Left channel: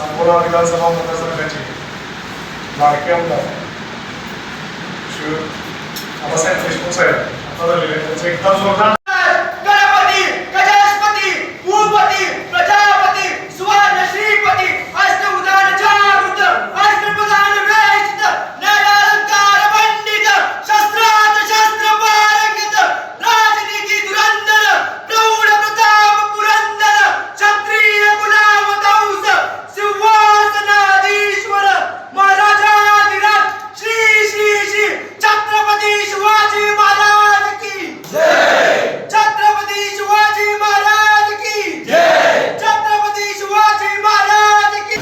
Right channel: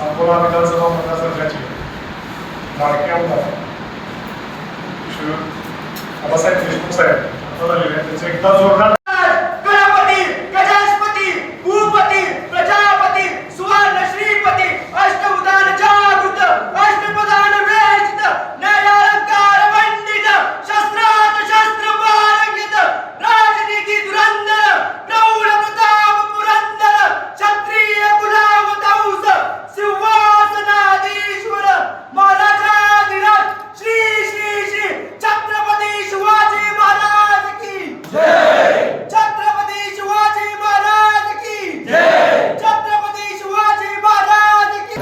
सांगोला विधानसभा मतदारसंघाचे लाडके आमदार बाबासाहेब देशमुख साहेब आता झालेले आहेत. एकदा जोरदार गणपती गजाधिपती भूपती प्रजापती सुवर्ण श्रीपती अष्टभुजान जागृत अष्टप्रधान वेशित नयनकार मंडित शस्त्रात शस्त्र पारंगित राजनीती धुरंधर प्रौढ प्रताप पुरंदर क्षत्रिय गुलाम दौस सिंहासनाधीश्वर महाराजाधिराज श्री श्री श्री छत्रपती शिवाजी महाराज की छत्रपती शिवाजी महाराज की जय छत्रपती शिवाजी महाराज की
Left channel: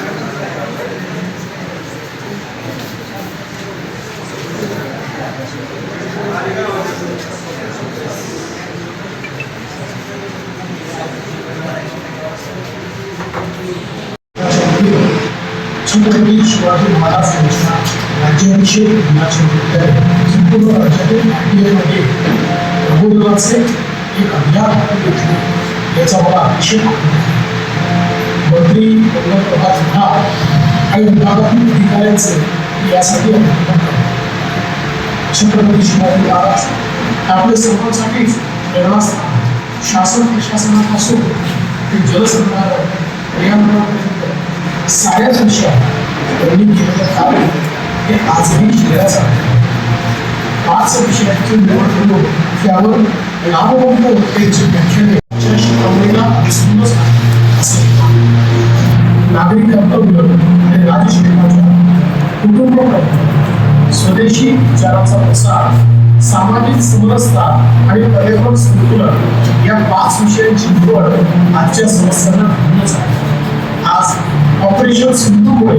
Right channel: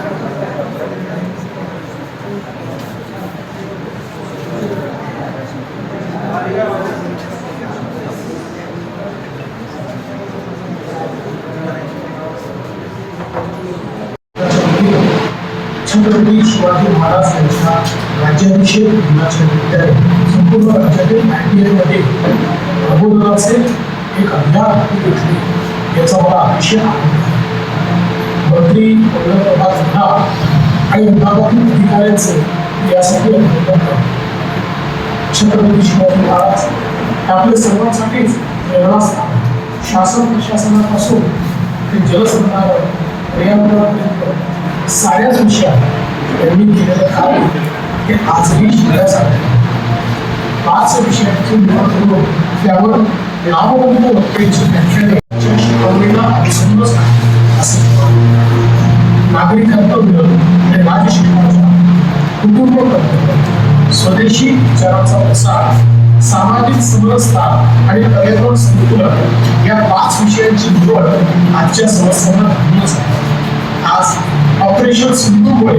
छत्रपती शिवाजी महाराज यांच्या राज्याभिषेक दिनाच्या निमित्ताने संपूर्ण राज्यातील मध्ये प्रबोधनाचे एक अभियान हाती घेतले. याचा मला अतिशय आनंद मंत्री वल्लभप्रभा विभाग आणि विभागातील अधिकाऱ्यांचे यासाठी अभिनंदन करतो. छत्रपती शिवाजी महाराज हे आपल्या सर्वांसाठीच प्रेरणास्थान शासन प्रशासनापासून ते जलसंधारण पर्यावरणापर्यंत साऱ्याच विषयात त्यांनी केलेलं कार्य हे आजही शिकण्याचं आहे. पाच विषयाची निवड करून त्यावर लाभवंत वक्त्यांची व्याख्याने च्या शिकवणीला विसरूनच नाही असं मी मानतो. नागरी कर्तव्य आणि राजशिक्षणाच्या कुटुंब कर्तव्य स्वदेशी विचारांचा प्रसार सामाजिक समरसता आणि पर्यावरण संतुलन या पाच विषयांची निवड आजच्या समस्यांना धरूनच आहे आज ऑपरेशन सिंधूमुळे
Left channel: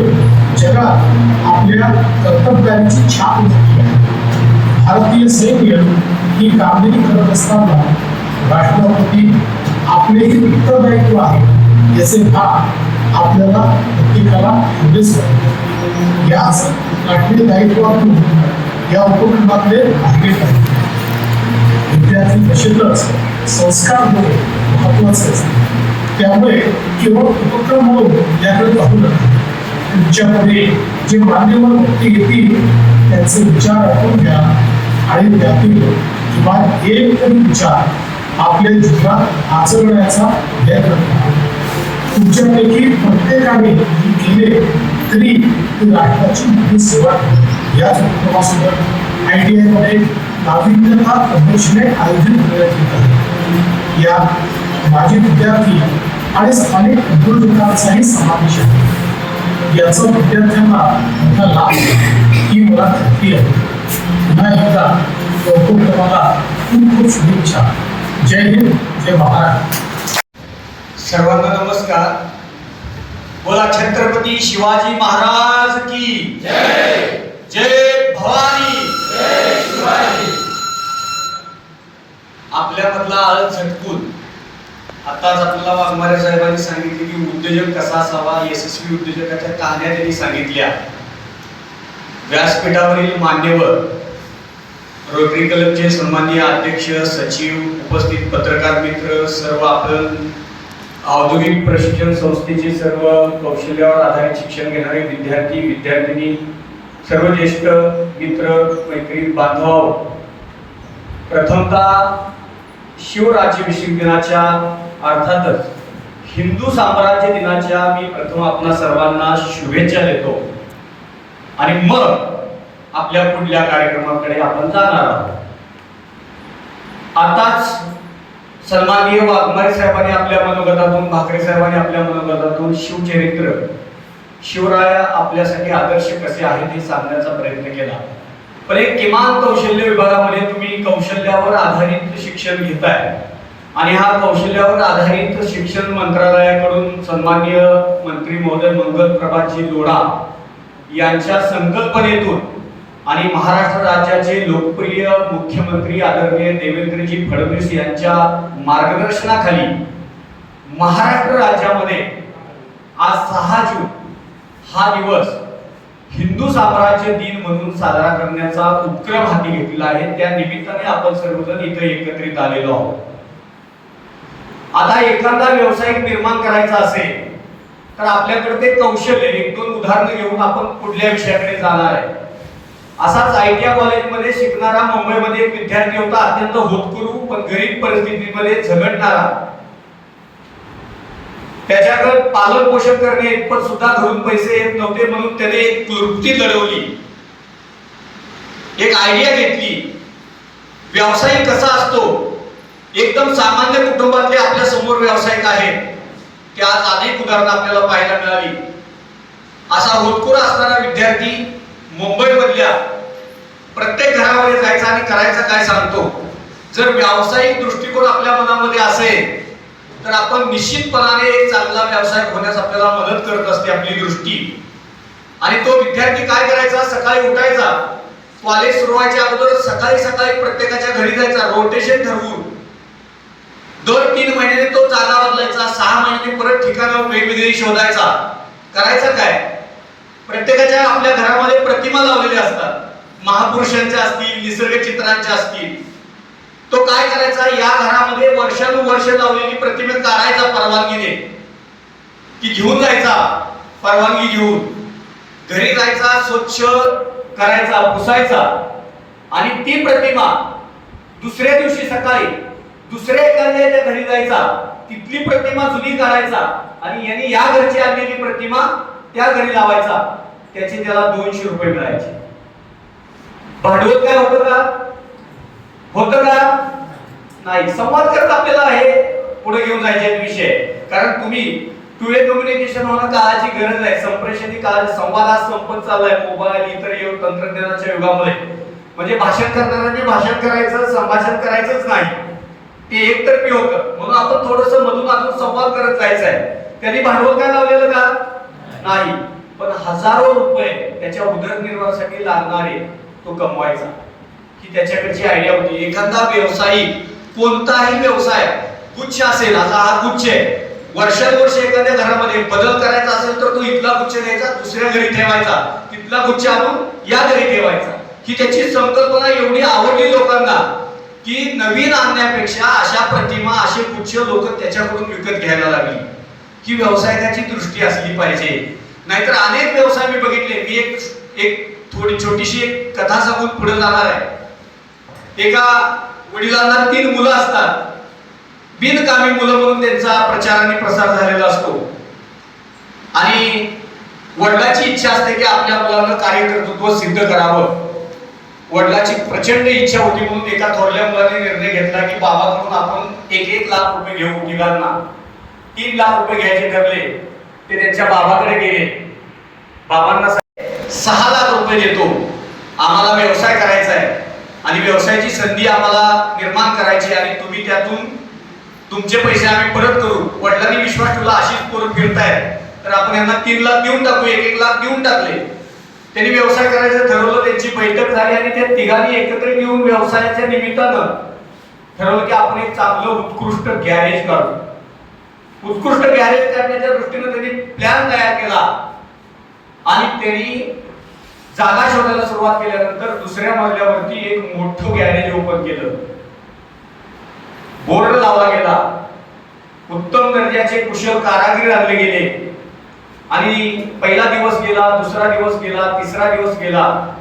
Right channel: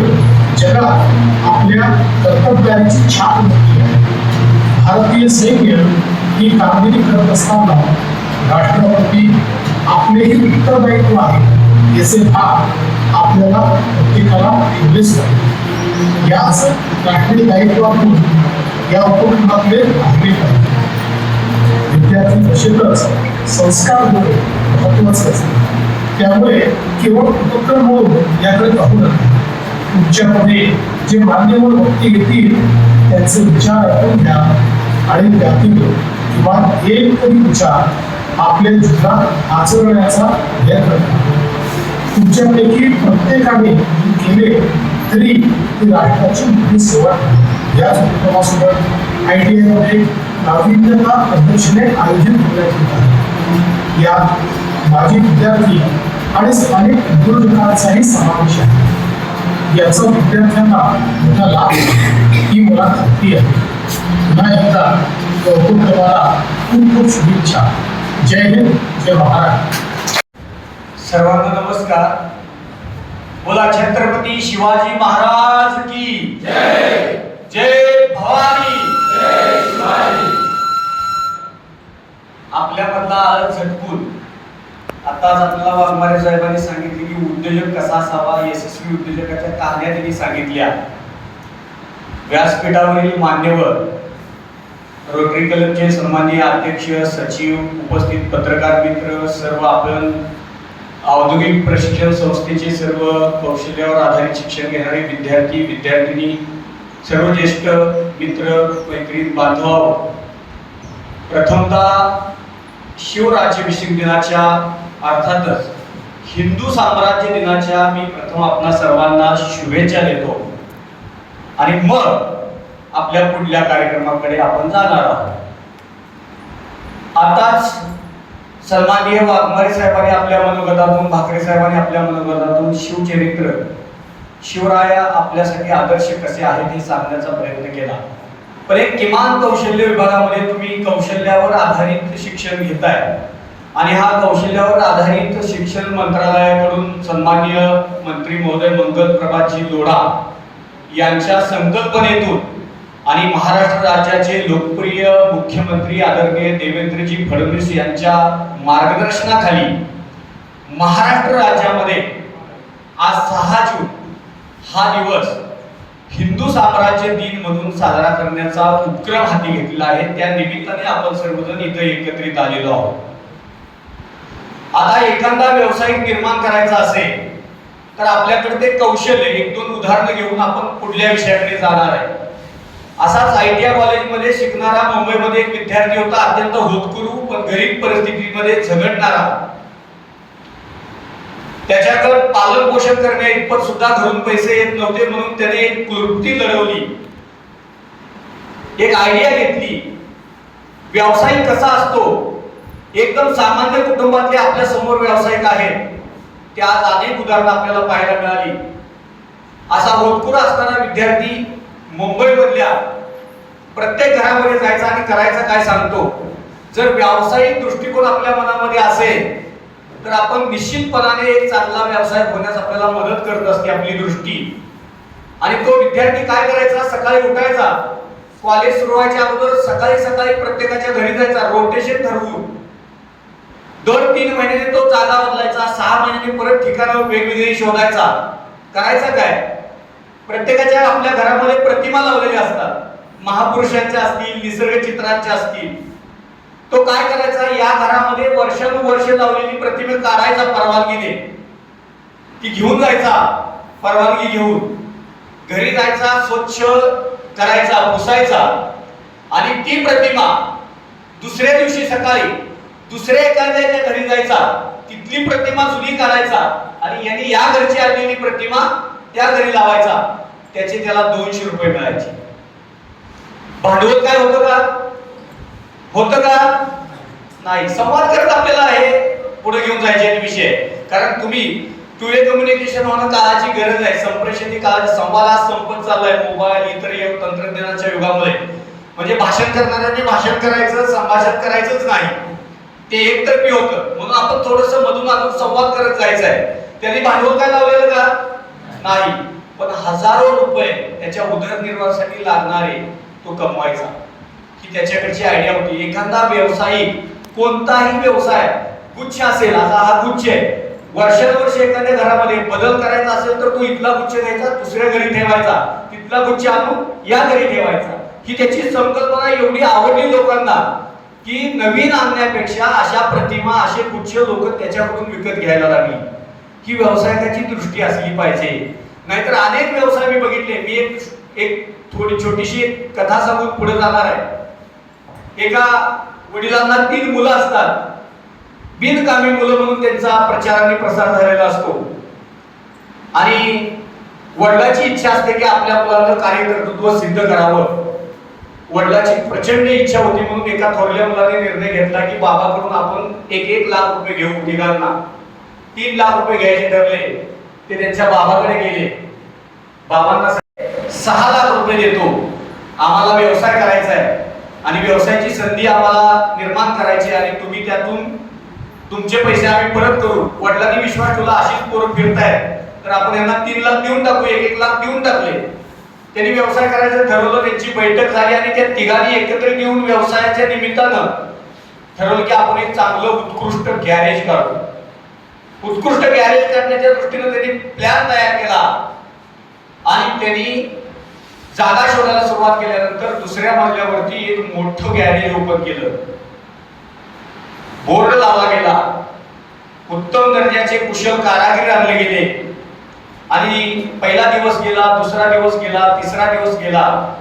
जगात आपल्या कर्तव्याची छाप उमटली आहे भारतीय सैन्य ही कामगिरी करत असताना राष्ट्रपती आपलेही उत्तरदायित्व आहे याचे भाग आपल्याला प्रत्येकाला एवढेच याच राष्ट्रीय दायित्वातून या उपक्रमातले भागले पाहिजे विद्यार्थी तसेच संस्कार होणे महत्त्वाचे असते. त्यामुळे केवळ उपक्रम म्हणून याकडे पाहू नका. तुमच्याकडे जे मान्यवर व्यक्ती येतील त्यांचे विचार ऐकून घ्या. आणि त्यातील किंवा एक तरी विचार आपल्या जीवनात आचरण्याचा प्रयत्न करा. तुमच्यापैकी प्रत्येकाने केले तरी ती राष्ट्राची मोठी सेवा याच उपक्रमासोबत आय टी आयमध्ये नाविन्यता प्रदर्शने आयोजित करण्यात येत आहे या माजी विद्यार्थी आणि स्थानिक उद्योजकांचाही समावेश आहे. याचा विद्यार्थ्यांना मोठा लाभ ही मला खात्री आहे. पुन्हा एकदा या उपक्रमाला खूप खूप शुभेच्छा जय हिंद जय महाराष्ट्र सर्वांना नमस्कार. बोला छत्रपती शिवाजी महाराज की जय. जय भवानी. आपल्यामधला आळ झटकून. आताच आपल्याला वाघमारे साहेबांनी सांगितले की उद्योजक कसा असावा यशस्वी उद्योजकाच्या कहाण्या त्यांनी सांगितल्या. व्यासपीठावरील मान्यवर रोटरी क्लबचे सन्माननीय अध्यक्ष सचिव उपस्थित पत्रकार मित्र सर्व आपण औद्योगिक प्रशिक्षण संस्थेचे सर्व कौशल्यावर आधारित शिक्षण घेणारे विद्यार्थी विद्यार्थिनी सर्व ज्येष्ठ मित्र मैत्रीण बांधव प्रथमतः शिवराज्याभिषेक दिनाच्या अर्थातच हिंदू साम्राज्य दिनाच्या मी प्रथम आपणा सर्वांना शुभेच्छा देतो. आणि मग आपल्या पुढल्या कार्यक्रमाकडे आपण जाणार आहोत. आताच सन्माननीय वाघमारे साहेबांनी आपल्या मनोगतातून भाकरे साहेबांनी आपल्या मनोगतातून शिवचरित्र शिवराया आपल्यासाठी आदर्श कसे आहेत हे सांगण्याचा प्रयत्न केला. पण एक किमान कौशल्य विभागामध्ये तुम्ही कौशल्यावर आधारित शिक्षण घेताय. आणि हा कौशल्यावर आधारित शिक्षण मंत्रालयाकडून सन्माननीय मंत्री महोदय मंगल प्रभातजी लोढा यांच्या संकल्पनेतून आणि महाराष्ट्र राज्याचे लोकप्रिय मुख्यमंत्री आदरणीय देवेंद्रजी फडणवीस यांच्या मार्गदर्शनाखाली महाराष्ट्र राज्यामध्ये आज सहा जून हा दिवस हिंदू साम्राज्य दिन म्हणून साजरा करण्याचा उपक्रम हाती घेतलेला आहे. त्या निमित्ताने आपण सर्वजण इथं एकत्रित आलेलो आहोत. आता एखादा व्यावसायिक निर्माण करायचा असेल तर आपल्याकडे ते कौशल्य एक दोन उदाहरणं घेऊन आपण पुढल्या विषयाकडे जाणार आहे. असाच आय टी आय कॉलेजमध्ये शिकणारा मुंबईमध्ये एक विद्यार्थी होता अत्यंत होतकुरू पण गरीब परिस्थितीमध्ये झगडणारा. त्याच्याकडे पालन पोषण करणे इतपत सुद्धा घरून पैसे येत नव्हते म्हणून त्याने एक क्लृप्ती लढवली. एक आयडिया घेतली. व्यवसाय कसा असतो? एकदम सामान्य कुटुंबातले आपल्यासमोर व्यावसायिक आहेत. त्या आज अनेक उदाहरणं आपल्याला पाहायला मिळाली. असा होतकुरा असणारा विद्यार्थी मुंबईमधल्या प्रत्येक घरामध्ये जायचं आणि करायचा काय सांगतो? जर व्यावसायिक दृष्टिकोन आपल्या मनामध्ये असेल तर आपण निश्चितपणाने एक चांगला व्यवसाय होण्यास आपल्याला मदत करत असते आपली दृष्टी. आणि तो विद्यार्थी काय करायचा? सकाळी उठायचा. कॉलेज सुरू व्हायच्या अगोदर सकाळी सकाळी प्रत्येकाच्या घरी जायचा रोटेशन ठरवून. दर तीन महिन्याने तो जागा बदलायचा सहा महिन्याने परत ठिकाण वेगवेगळी शोधायचा. करायचा काय? प्रत्येकाच्या आपल्या घरामध्ये प्रतिमा लावलेल्या असतात. महापुरुषांच्या असतील निसर्ग चित्रांच्या असतील. तो काय करायचा? या घरामध्ये वर्षानुवर्ष लावलेली प्रतिमे काढायचा परवानगीने. ती घेऊन जायचा परवानगी घेऊन. घरी जायचा स्वच्छ करायचा पुसायचा. आणि ती प्रतिमा दुसऱ्या दिवशी सकाळी दुसऱ्या एखाद्याच्या घरी जायचा. तिथली प्रतिमा जुनी काढायचा. आणि यांनी या घरची आणलेली प्रतिमा त्या घरी लावायचा. त्याचे त्याला दोनशे रुपये मिळायचे. भांडवल काय होतं का? होतं का? नाही. संवाद करत आपल्याला हे पुढे घेऊन जायचे विषय. कारण तुम्ही टू कम्युनिकेशन होणं काळाची गरज आहे. संप्रेषण काळ संवाद आज संपत चाललाय. मोबाईल इतर योग तंत्रज्ञानाच्या युगामध्ये. म्हणजे भाषण करणाऱ्यांनी भाषण करायचं संभाषण करायचंच नाही. ते एकतर्फी होतं. म्हणून आपण थोडस मधून मधून संवाद करत जायचं आहे त्यांनी भांडवल काय लावलेलं का? नाही. पण हजारो रुपये त्याच्या उदरनिर्वाहासाठी लागणारे तो कमवायचा. ही त्याच्याकडची आयडिया होती. एखादा व्यावसायिक कोणताही व्यवसाय गुच्छ असेल आता हा गुच्छ आहे. वर्षानुवर्ष एखाद्या घरामध्ये बदल करायचा असेल तर तो इथला गुच्छ द्यायचा दुसऱ्या घरी ठेवायचा. तिथला गुच्छ आणून या घरी ठेवायचा. ही त्याची संकल्पना एवढी आवडली लोकांना की नवीन आणण्यापेक्षा अशा प्रतिमा असे गुच्छ लोक त्याच्याकडून विकत घ्यायला लागली. ही व्यावसायिकाची दृष्टी असली पाहिजे. नाहीतर अनेक व्यवसाय मी बघितले. मी एक एक थोडी छोटीशी एक कथा सांगून पुढे जाणार आहे. एका वडिलांना तीन मुलं असतात. बिनकामी मुलं म्हणून त्यांचा प्रचार आणि प्रसार झालेला असतो. आणि वडिलाची इच्छा असते की आपल्या मुलांना कार्यकर्तृत्व सिद्ध करावं. वडिलाची प्रचंड इच्छा होती म्हणून एका थोरल्या मुलाने निर्णय घेतला की बाबाकडून आपण एक एक लाख रुपये घेऊ तिघांना. तीन लाख रुपये घ्यायचे ठरले. ते त्यांच्या बाबाकडे गेले. बाबांना सहा लाख रुपये देतो आम्हाला व्यवसाय करायचा आहे. आणि व्यवसायाची संधी आम्हाला निर्माण करायची आहे आणि तुम्ही त्यातून तुमचे पैसे आम्ही परत करू. वडिलांनी विश्वास ठेवला अशीच पोरं फिरतायत. तर आपण यांना तीन लाख देऊन टाकू एक एक लाख देऊन टाकले. त्यांनी व्यवसाय करायचं ठरवलं त्यांची बैठक झाली आणि त्या तिघांनी एकत्र येऊन व्यवसायाच्या निमित्तानं ठरवलं की आपण एक चांगलं उत्कृष्ट गॅरेज काढू. उत्कृष्ट गॅरेज करण्याच्या दृष्टीनं त्यांनी प्लॅन तयार केला. आणि त्यांनी जागा शोधायला सुरुवात केल्यानंतर दुसऱ्या मजल्यावरती एक मोठं गॅरेज ओपन केलं. बोर्ड लावला गेला. उत्तम दर्जाचे कुशल कारागीर आणले गेले. आणि पहिला दिवस गेला दुसरा दिवस गेला तिसरा दिवस गेला.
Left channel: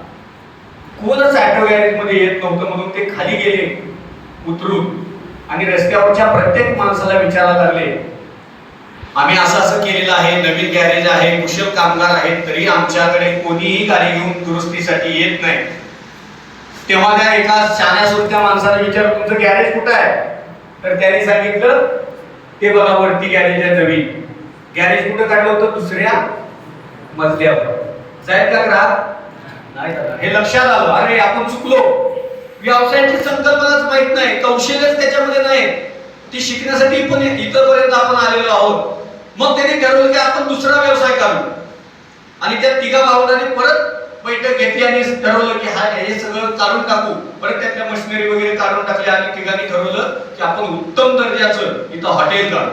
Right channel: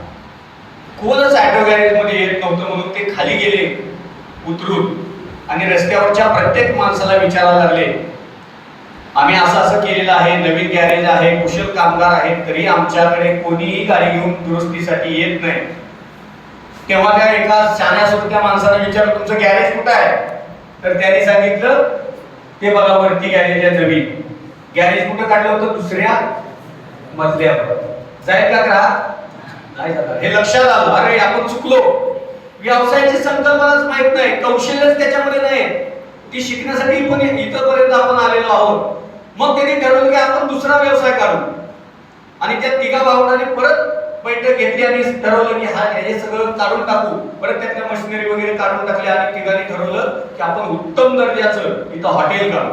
कोणच ऑटो गॅरेजमध्ये येत नव्हतं म्हणून ते खाली गेले उतरून. आणि रस्त्यावरच्या प्रत्येक माणसाला विचारायला लागले आम्ही असं असं केलेलं आहे नवीन गॅरेज आहे कुशल कामगार आहेत तरी आमच्याकडे कोणीही गाडी घेऊन दुरुस्तीसाठी येत नाही. तेव्हा त्या एका शाण्या सुरत्या माणसाला विचारलं तुमचं गॅरेज कुठं आहे? तर त्याने सांगितलं ते बघा वरती गॅरेज आहे नवीन. गॅरेज कुठं काढलं होतं? दुसऱ्या मजल्यावर. जाईल का ग्राहक दादा. हे लक्षात आलं. अरे आपण चुकलो. व्यवसायाची संकल्पनाच माहीत नाही. कौशल्यच त्याच्यामध्ये नाही. ती शिकण्यासाठी पण इथपर्यंत आपण आलेलो आहोत. मग त्यांनी ठरवलं की आपण दुसरा व्यवसाय काढू आणि त्या तिघा भावंडांनी परत बैठक घेतली आणि ठरवलं की हा हे सगळं काढून टाकू. परत त्यातल्या मशिनरी वगैरे काढून टाकली आणि ठिकाणी ठरवलं की आपण उत्तम दर्जाचं इथं हॉटेल काढू.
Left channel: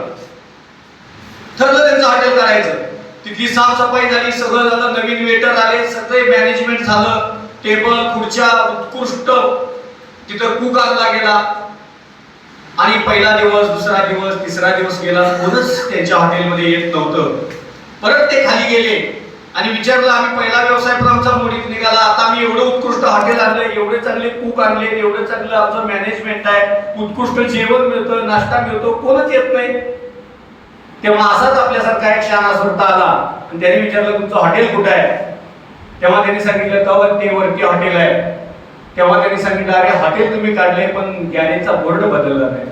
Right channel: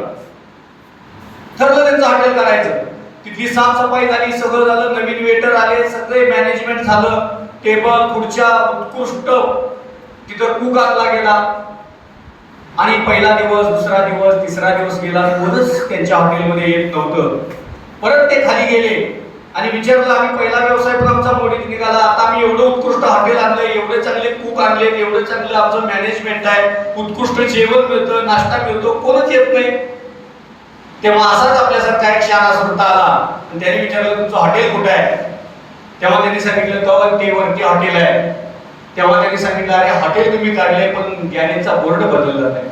ठरलं त्यांचं हॉटेल काढायचं. तिथली साफसफाई झाली सगळं झालं नवीन वेटर आले सगळे मॅनेजमेंट झालं. टेबल खुर्च्या उत्कृष्ट. तिथं कुक आणला गेला. आणि पहिला दिवस दुसरा दिवस तिसरा दिवस गेला कोणच त्यांच्या हॉटेलमध्ये येत नव्हतं. परत ते खाली गेले आणि विचारलं आम्ही पहिला व्यवसाय पण आमचा मोडीत निघाला. आता आम्ही एवढं उत्कृष्ट हॉटेल आणलंय एवढे चांगले कुक आणले एवढं चांगलं आमचं मॅनेजमेंट आहे. उत्कृष्ट जेवण मिळतं नाश्ता मिळतो कोणच येत नाही. तेव्हा असाच आपल्यासारखा एक शहाणा सुरता आला. आणि त्याने विचारलं तुमचं हॉटेल कुठं आहे? तेव्हा त्यांनी सांगितलं तवर ते वरती हॉटेल आहे. तेव्हा त्यांनी सांगितलं अरे हॉटेल तुम्ही काढले पण गॅरेजचा बोर्ड बदलला नाही.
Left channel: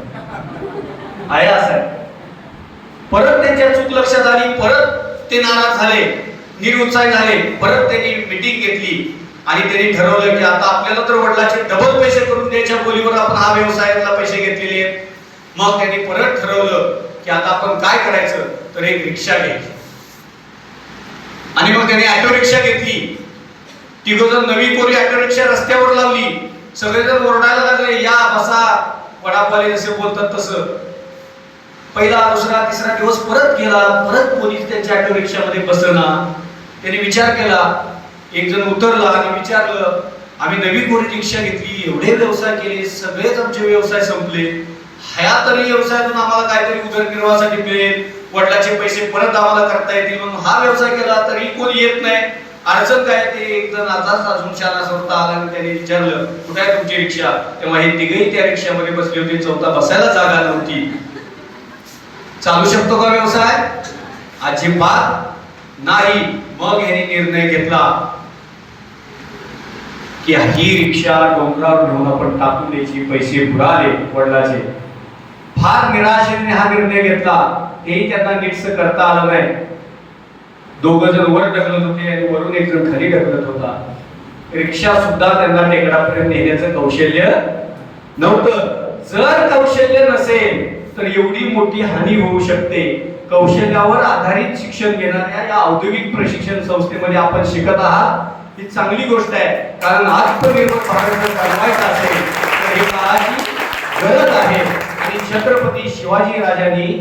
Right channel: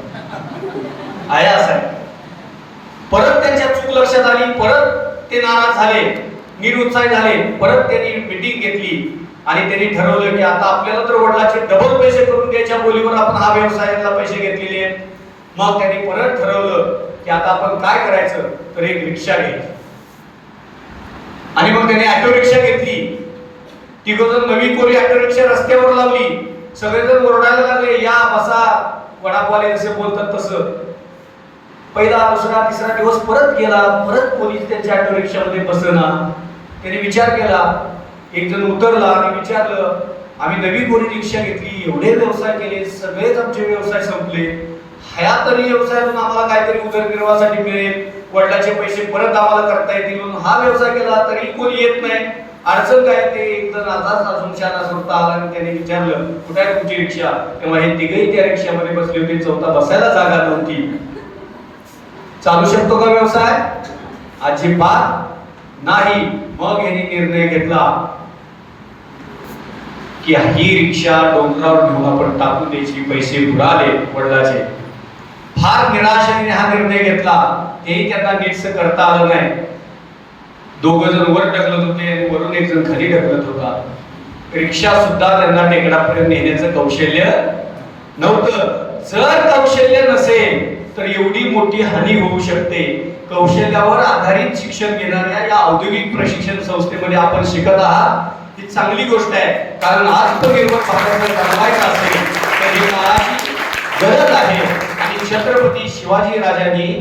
आहे असं परत त्यांच्या चूक लक्षात आली परत ते नाराज झाले निरुत्साही झाले परत त्यांनी मिटिंग घेतली. आणि त्यांनी ठरवलं की आता आपल्याला तर वडिलाचे डबल पैसे करून द्यायच्या बोलीवर आपण हा व्यवसायातला पैसे घेतलेले आहेत. मग त्यांनी परत ठरवलं की आता आपण काय करायचं? तर एक रिक्षा घ्यायची. आणि मग त्याने ऑटो रिक्षा घेतली. ती जण नवी कोरी ऑटो रिक्षा रस्त्यावर लावली. सगळेजण ओरडायला लागले या बसा. वडापाले जसे बोलतात तसं. पहिला दुसरा तिसरा दिवस परत गेला परत पोलीस त्यांच्या ऑटो रिक्षामध्ये बसना. त्यांनी विचार केला. एक जण उतरला आणि विचारलं आम्ही नवी कोरी रिक्षा घेतली एवढे व्यवसाय केले सगळेच आमचे व्यवसाय संपले. ह्या तरी व्यवसायातून आम्हाला काहीतरी उदरनिर्वाहासाठी मिळेल. वडिलाचे पैसे परत आम्हाला करता येतील म्हणून हा व्यवसाय केला तरी कोणी येत नाही. अडचण काय ते एक जण आताच अजून शाळा सोडता आला आणि त्याने विचारलं कुठे आहे तुमची रिक्षा? तेव्हा हे तिघही त्या रिक्षामध्ये बसले होते चौथा बसायला जागा नव्हती. चालू शकतो का व्यवसाय? अजिबात नाही. मग यांनी निर्णय घेतला की ही रिक्षा डोंगरावर घेऊन आपण टाकून द्यायची पैसे बुडाले वडिलाचे. फार निराशेने हा निर्णय घेतला. तेही त्यांना नीटस करता आलं नाही. दोघ जण वर ढकलत होते आणि वरून एक जण खाली ढकलत होता. रिक्षा सुद्धा त्यांना टेकडापर्यंत नेण्याचं कौशल्य नव्हतं. जर कौशल्य नसेल तर एवढी मोठी हानी होऊ शकते. कौशल्यावर आधारित शिक्षण घेणाऱ्या या औद्योगिक प्रशिक्षण संस्थेमध्ये आपण शिकत आहात. ही चांगली गोष्ट आहे. कारण आत्मनिर्भर भारत बनवायचं असेल तर ही काळाची गरज आहे. आणि छत्रपती शिवाजी राजांनी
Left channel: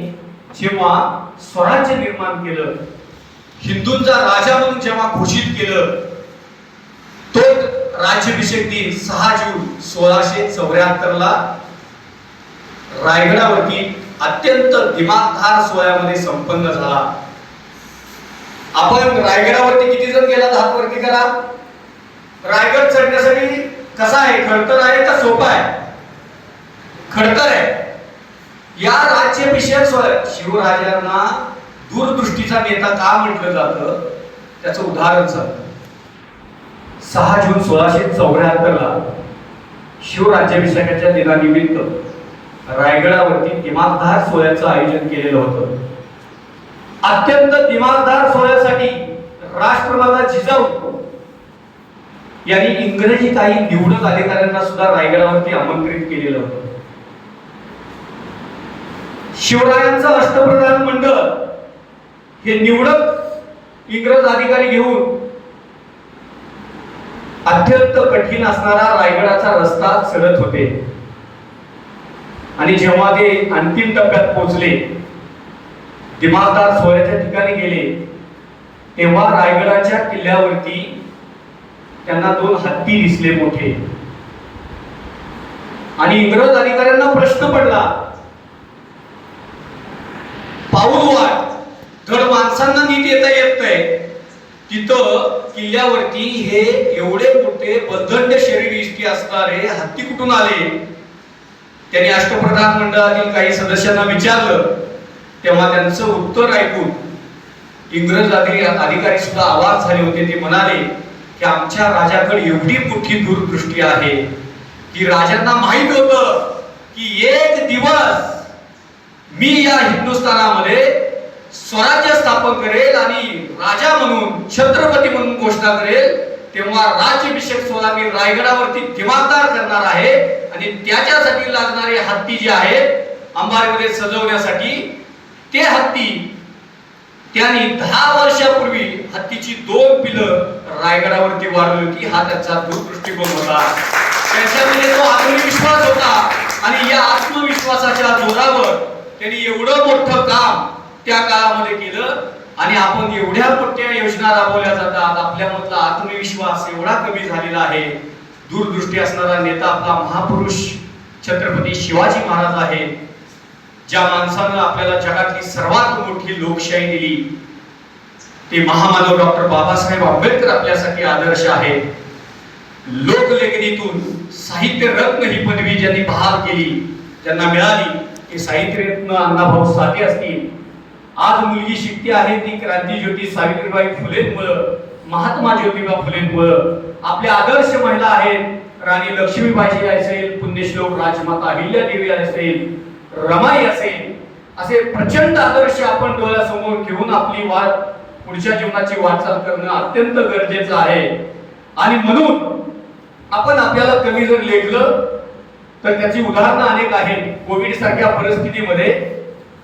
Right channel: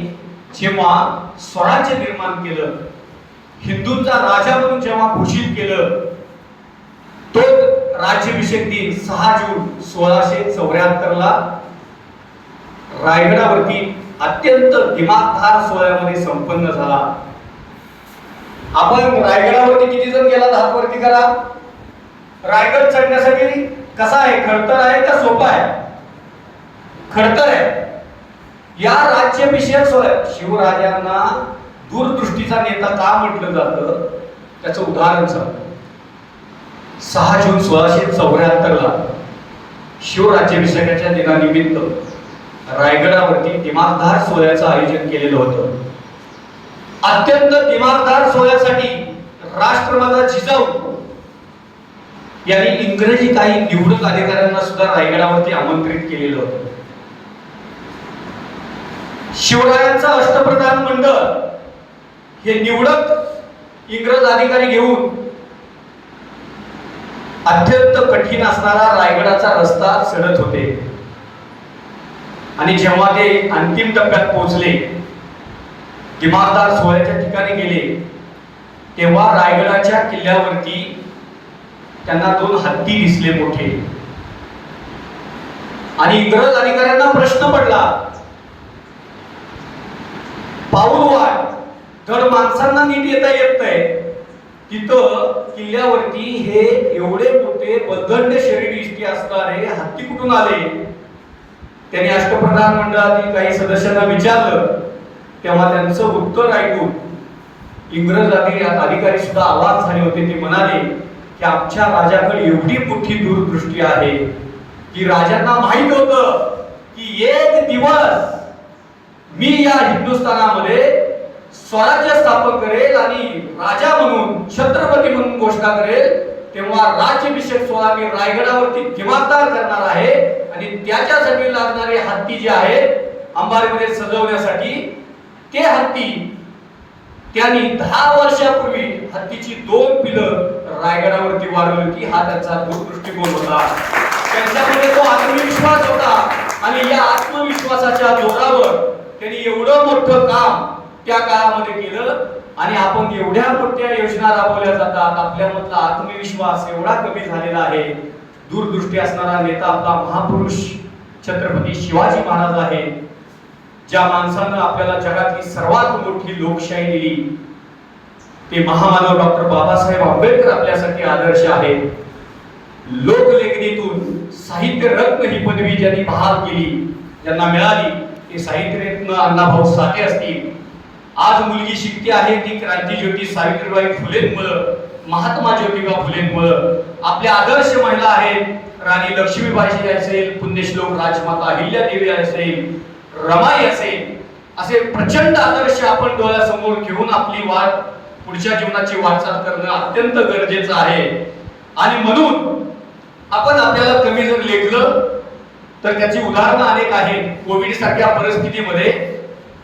जेव्हा स्वराज्य निर्माण केलं हिंदूंचा राजा म्हणून जेव्हा घोषित केलं तो राज्याभिषेक दिन सहा जून सोळाशे चौऱ्याहत्तर ला रायगडावरती अत्यंत दिमागधार सोहळ्यामध्ये संपन्न झाला. आपण रायगडावरती किती जण गेला? हात वरती करा. रायगड चढण्यासाठी कसा आहे? खडतर आहे का सोपा आहे? खडतर आहे. या राज्याभिषेक सोहळ्यात शिवराजांना दूरदृष्टीचा नेता का म्हटलं जातं? त्याचं उदाहरण झालं सहा जून सोळाशे चौऱ्याहत्तरला शिवराज्याभिषेकाच्या दिनानिमित्त रायगडावरती दिमागदार सोहळ्याचं आयोजन केलेलं होतं. अत्यंत दिमागदार सोहळ्यासाठी राष्ट्रवादा जिजाऊ यांनी इंग्रजी काही निवडक अधिकाऱ्यांना सुद्धा रायगडावरती आमंत्रित केलेलं होतं. शिवरायांचं अष्टप्रधान मंडळ हे निवडक इंग्रज अधिकारी घेऊन अत्यंत कठीण असणारा रायगडाचा रस्ता चढत होते. आणि जेव्हा ते अंतिम टप्प्यात पोहोचले दिमागदार सोहळ्याच्या ठिकाणी गेले तेव्हा रायगडाच्या किल्ल्यावरती त्यांना दोन हत्ती दिसले मोठे. आणि इंग्रज अधिकाऱ्यांना प्रश्न पडला पाऊल वाट धड माणसांना नीट येता येत नाही. तिथं किल्ल्यावरती हे एवढे मोठे बदंड शरीर इष्टी असणारे हत्ती कुठून आले? त्यांनी अष्टप्रधान मंडळातील काही सदस्यांना विचारलं. तेव्हा त्यांचं उत्तर ऐकून इंग्रज अधिकारी सुद्धा आवाज झाले होते. ते म्हणाले की आमच्या राजाकडे एवढी मोठी दूरदृष्टी आहे की राजांना माहीत होतं की एक दिवस मी या हिंदुस्थानामध्ये स्वराज्य स्थापन करेल आणि राजा म्हणून छत्रपती म्हणून घोषणा करेल तेव्हा राज्याभिषेक सोहळा मी रायगडावरती दिमागदार करणार आहे आणि त्याच्यासाठी लागणारे हत्ती जे आहेत अंबारीमध्ये सजवण्यासाठी ते हत्ती त्यांनी दहा वर्षापूर्वी हत्तीची दोन पिलं रायगडावरती वाढवली होती. हा त्याचा दूरदृष्टिकोन होता. त्याच्यामध्ये तो आत्मविश्वास होता आणि या आत्मविश्वासाच्या जोरावर त्यांनी एवढं मोठं काम त्या काळामध्ये केलं आणि आपण एवढ्या मोठ्या योजना राबवल्या जातात. आपल्यामधला आत्मविश्वास एवढा कमी झालेला आहे. दूरदृष्टी असणारा नेता आपला महापुरुष छत्रपती शिवाजी महाराज आहे. ज्या माणसानं आपल्याला जगातली सर्वात मोठी लोकशाही दिली ते महामानव डॉक्टर बाबासाहेब आंबेडकर आपल्यासाठी आदर्श आहेत लोकलेखनीतून साहित्य रत्न ही पदवी ज्यांनी बहाल केली ज्यांना मिळाली ते साहित्य रत्न अण्णाभाऊ साठे असतील आज मुलगी शिकते आहे ती क्रांती ज्योती सावित्रीबाई फुलेंमुळं महात्मा ज्योतिबा फुलेंमुळं. आपल्या आदर्श महिला आहेत राणी लक्ष्मीबाई असेल पुण्यश्लोक राजमाता अहिल्यादेवी असेल रमाई असेल असे प्रचंड आदर्श आपण डोळ्यासमोर घेऊन आपली वाट पुढच्या जीवनाची वाटचाल करणं अत्यंत गरजेचं आहे. आणि म्हणून आपण आपल्याला कमी जर लेखलं तर त्याची उदाहरणं अनेक आहेत. कोविड सारख्या परिस्थितीमध्ये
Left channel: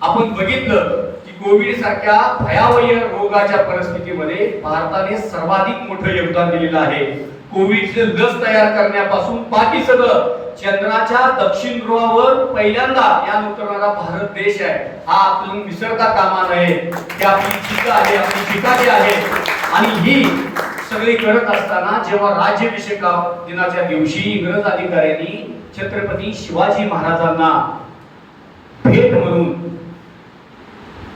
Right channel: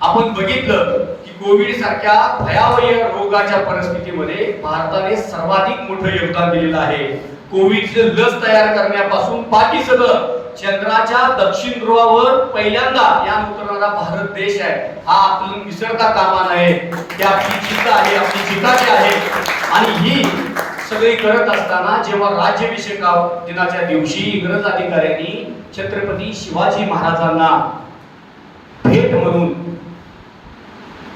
आपण बघितलं कोविड सारख्या भयावह रोगाच्या परिस्थितीमध्ये भारताने सर्वाधिक मोठं योगदान दिलेलं आहे. कोविडचे लस तयार करण्यापासून बाकी सगळं चंद्राच्या दक्षिण ध्रुवावर पहिल्यांदा या उतरणारा भारत देश आहे. हा आपण विसरता कामा नये की आपली चिंता आहे आपली चिताची आहे. आणि ही सगळी करत असताना जेव्हा राज्याभिषेक दिनाच्या दिवशी इंग्रज अधिकाऱ्यांनी छत्रपती शिवाजी महाराजांना भेट म्हणून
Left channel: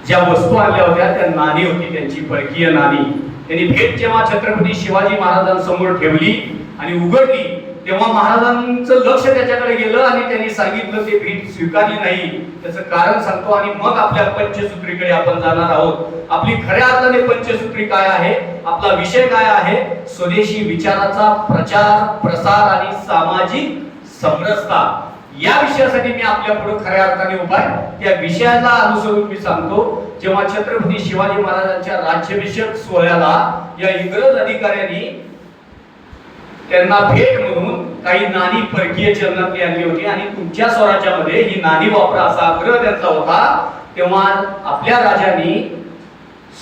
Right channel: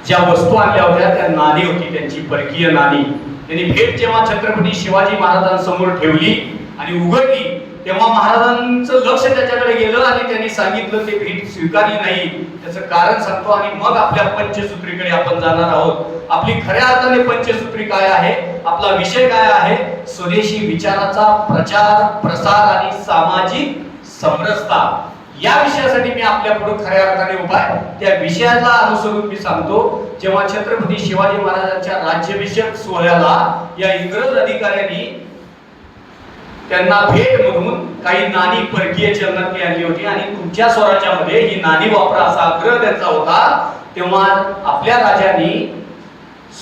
ज्या वस्तू आणल्या होत्या त्या नाणी होती त्यांची परकीय नाणी. त्यांनी भेट जेव्हा छत्रपती शिवाजी महाराजांसमोर ठेवली आणि उघडली तेव्हा महाराजांचं लक्ष त्याच्याकडे गेलं आणि त्यांनी सांगितलं ते भेट स्वीकारली नाही. त्याचं कारण सांगतो आणि मग आपल्या पंचसूत्रीकडे आपण जाणार आहोत. आपली खऱ्या अर्थाने पंचसूत्री काय आहे? आपला विषय काय आहे? स्वदेशी विचाराचा प्रचार प्रसार आणि सामाजिक समरसता. या विषयासाठी मी आपल्या पुढे खऱ्या अर्थाने उभा आहे. त्या विषयाला अनुसरून मी सांगतो जेव्हा छत्रपती शिवाजी महाराजांच्या राज्याभिषेक सोहळ्याला या इंग्रज अधिकाऱ्यांनी त्यांना भेट म्हणून काही नाणी परकीय चलनातली आणली होती आणि तुमच्या स्वराज्यामध्ये ही नाणी वापरा असा आग्रह त्यांचा होता तेव्हा आपल्या राजांनी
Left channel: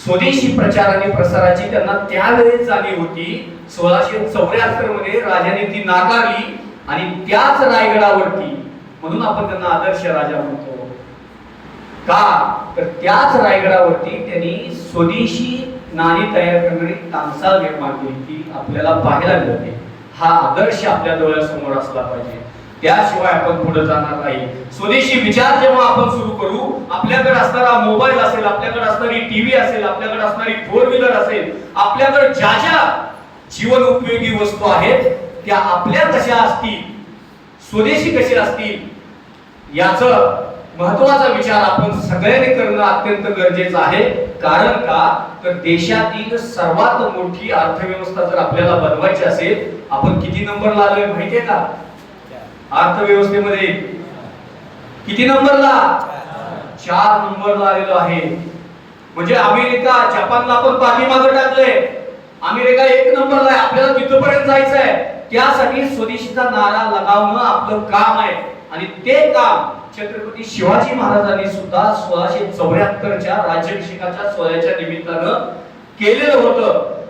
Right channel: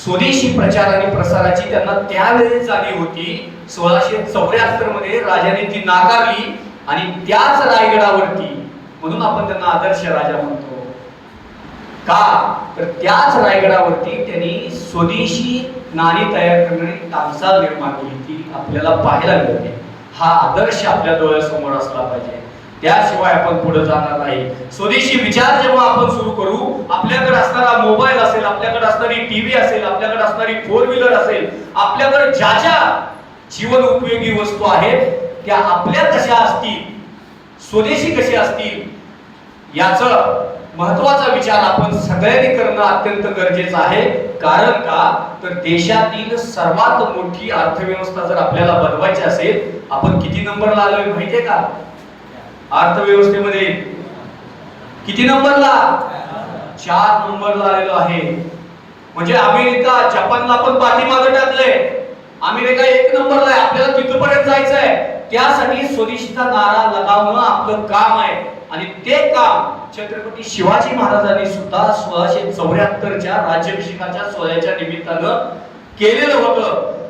स्वदेशी प्रचार आणि प्रसाराची त्यांना त्यावेळी चाली होती. सोळाशे चौऱ्याहत्तरमध्ये राजाने ती नाकारली. आणि त्याच रायगडावरती म्हणून आपण त्यांना आदर्श राजा म्हणतो. का? तर त्याच रायगडावरती त्यांनी स्वदेशी नाणी तयार करणारी तामसाल निर्माण केली ती आपल्याला पाहायला मिळते. हा आदर्श आपल्या डोळ्यासमोर असला पाहिजे. त्याशिवाय आपण पुढे जाणार नाही. स्वदेशी विचार जेव्हा आपण सुरू करू आपल्याकडे असणारा मोबाईल असेल आपल्याकडे असणारी टीव्ही असेल आपल्याकडे असणारी फोर व्हीलर असेल आपल्याकडे ज्या ज्या जीवन उपयोगी वस्तू आहेत त्या आपल्या कशा असतील स्वदेशी कसे असतील याच महत्त्वाचा विचार आपण सगळ्यांनी करणं अत्यंत गरजेचं आहे. कारण का? तर देशातील सर्वात मोठी अर्थव्यवस्था जर आपल्याला बनवायची असेल आपण किती नंबर लागलोय माहितीये का? अर्थव्यवस्थेमध्ये किती नंबरला चार नंबरला आलेलो आहे. म्हणजे अमेरिका जपानला पण पाठीमागे टाकले अमेरिका एक नंबरला आहे. आपल्याला तिथपर्यंत जायचं आहे त्यासाठी स्वदेशीचा नारा लगावणं आपलं काम आहे. आणि ते काम छत्रपती शिवाजी महाराजांनी सुद्धा सोळाशे चौऱ्याहत्तरच्या राज्याभिषेकाच्या सोहळ्याच्या निमित्तानं केलेलं होतं.